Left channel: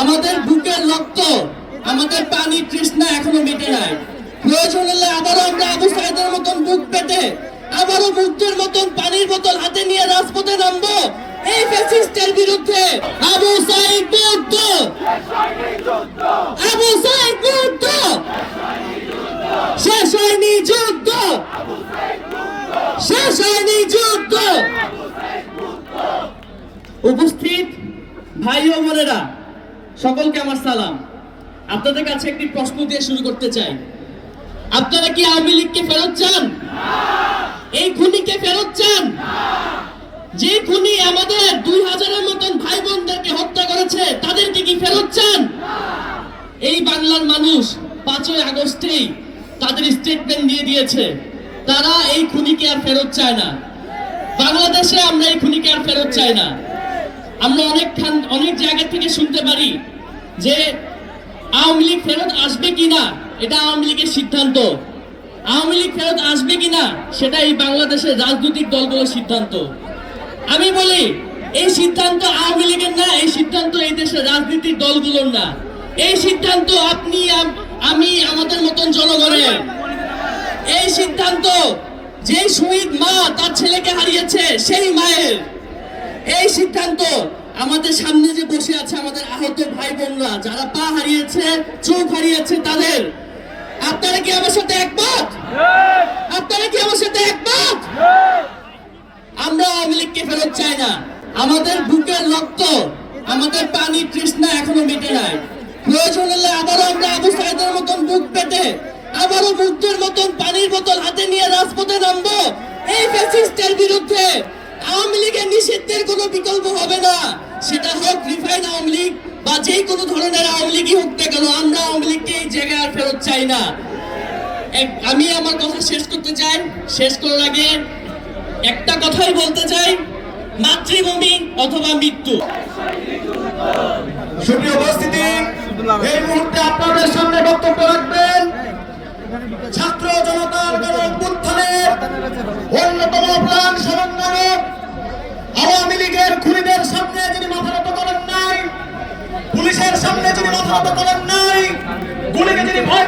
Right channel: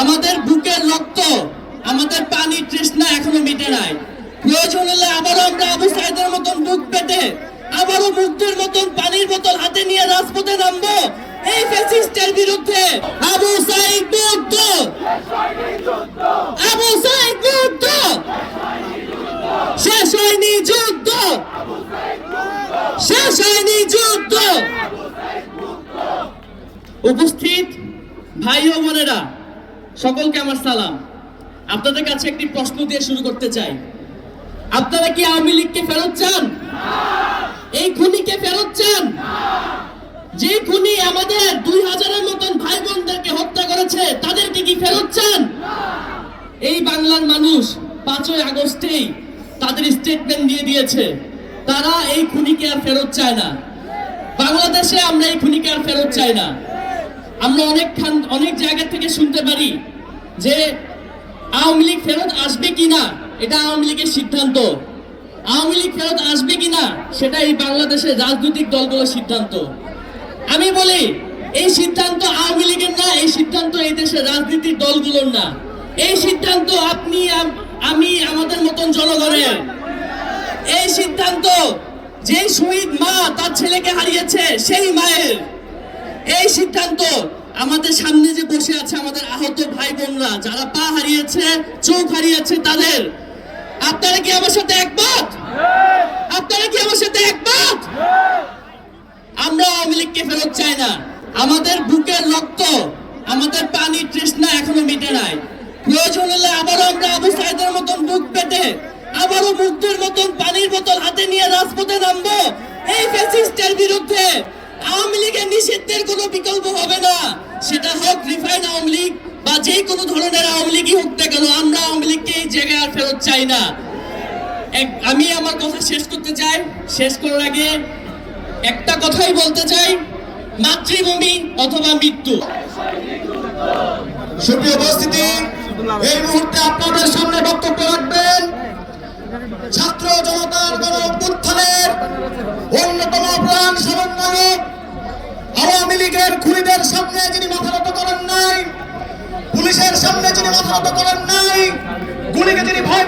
আমাদের বুকের রক্ত, আমাদের পানির তৃষ্ণা এখনও মিটে নাই। প্রয়োজন হলে আবারও আমরা আবু সাইদের মতন বুক পেতে, আবারও মুগ্ধের মতন পানির বোতল হাতে নিয়ে রাজপথে নামবো। এই ফ্যাসিস্টের বিরুদ্ধে আবু সাইদ মুগ্ধ আবু সাইদ মুগ্ধ শেষ হয়নি যুদ্ধ। শেষ হয়নি যুদ্ধ। উপস্থিত ভাই ও বোনেরা সকলকে আমার সালাম। আপনাদের কাছে একটি প্রশ্ন দিয়ে শুরু করতে চাই। আপনারা কি আওয়ামী লীগকে ফেরত চান? এই খুনিকে ফেরত চান? যে খুনি আমাদের দুই হাজারের মতন ভাই বোনদেরকে হত্যা করেছে, তাদেরকে কি ফেরত চান? এই বাংলার মানুষ পাঁচই আগস্টেই তাদের স্টেটমেন্ট দিয়ে দিয়েছে, তারা এই খুনিকে আর ফেরত চায় না। বাংলাদেশে আমরা এই খুনিকে আর ফেরত চাই না। আমরা অনেক অনেক জায়গা থেকে শুনতে পারি যে আওয়ামী লীগ ফেরত আসবে কিনা, এটা আওয়ামী লীগের সিদ্ধান্ত। আওয়ামী লীগ ফেরত আসবে কিনা, সেটা এই বাংলাদেশের রাজনৈতিক দলগুলোর সিদ্ধান্ত। আমি বলি, এই সিদ্ধান্ত আওয়ামী লীগের না, এই সিদ্ধান্ত এই দেশের রাজনৈতিক দলগুলোর না। এই সিদ্ধান্ত আপনি আমি আমাদের মতন জনগণের। এই সিদ্ধান্ত যে শহীদ মা তার ছেলেকে হারিয়েছে, সেই মায়ের। এই সিদ্ধান্ত আমাদের সামনে যে বসে আছে আমাদের আহত ভাই বোনরা, যারা পা হারিয়েছে, চোখ হারিয়েছে তাদের, আপনারা কি আমার সাথে একমত? আপনারা কি আমার সাথে একমত? আমরা আওয়ামী লীগকে ফেরত চাই না। আমাদের বুকের রক্ত, আমাদের পানির তৃষ্ণা এখনও মিটে নাই। প্রয়োজন হলে আবারও আমরা আবু সাইদের মতন বুক পেতে আবারও মুগ্ধের মতন পানির বোতল হাতে নিয়ে রাজপথে নামবো। এই ফ্যাসিস্টের বিরুদ্ধে আওয়ামী লীগের নিষিদ্ধের কোনো বিকল্প হবে না। সেটা হোক রিফাইন আওয়ামী লীগ বা যে কোনো ধরনের আওয়ামী লীগই হোক না কেন, আমরা আওয়ামী লীগকে এই জায়গায় আর ফেরত চাই না। আমি আমার কথা শেষ করতে চাই। শেষ করার আগে একটা কথাই বলতে চাই, মাতৃভূমি অথবা মৃত্যু। সুপ্রিয় উপস্থিতি, এই মুহূর্তে আপনাদের সামনে বক্তব্য রাখবেন ছাত্র জনতার গণ অভ্যুত্থানের অন্যতম প্রাণ সমন্বয়ক আওয়ামী লীগের খুনিদের সামনে যিনি মাথা নত করেন নাই, পুলিশের সামনে যিনি মাথা নত করেন নাই, গুলিকে যিনি ভয়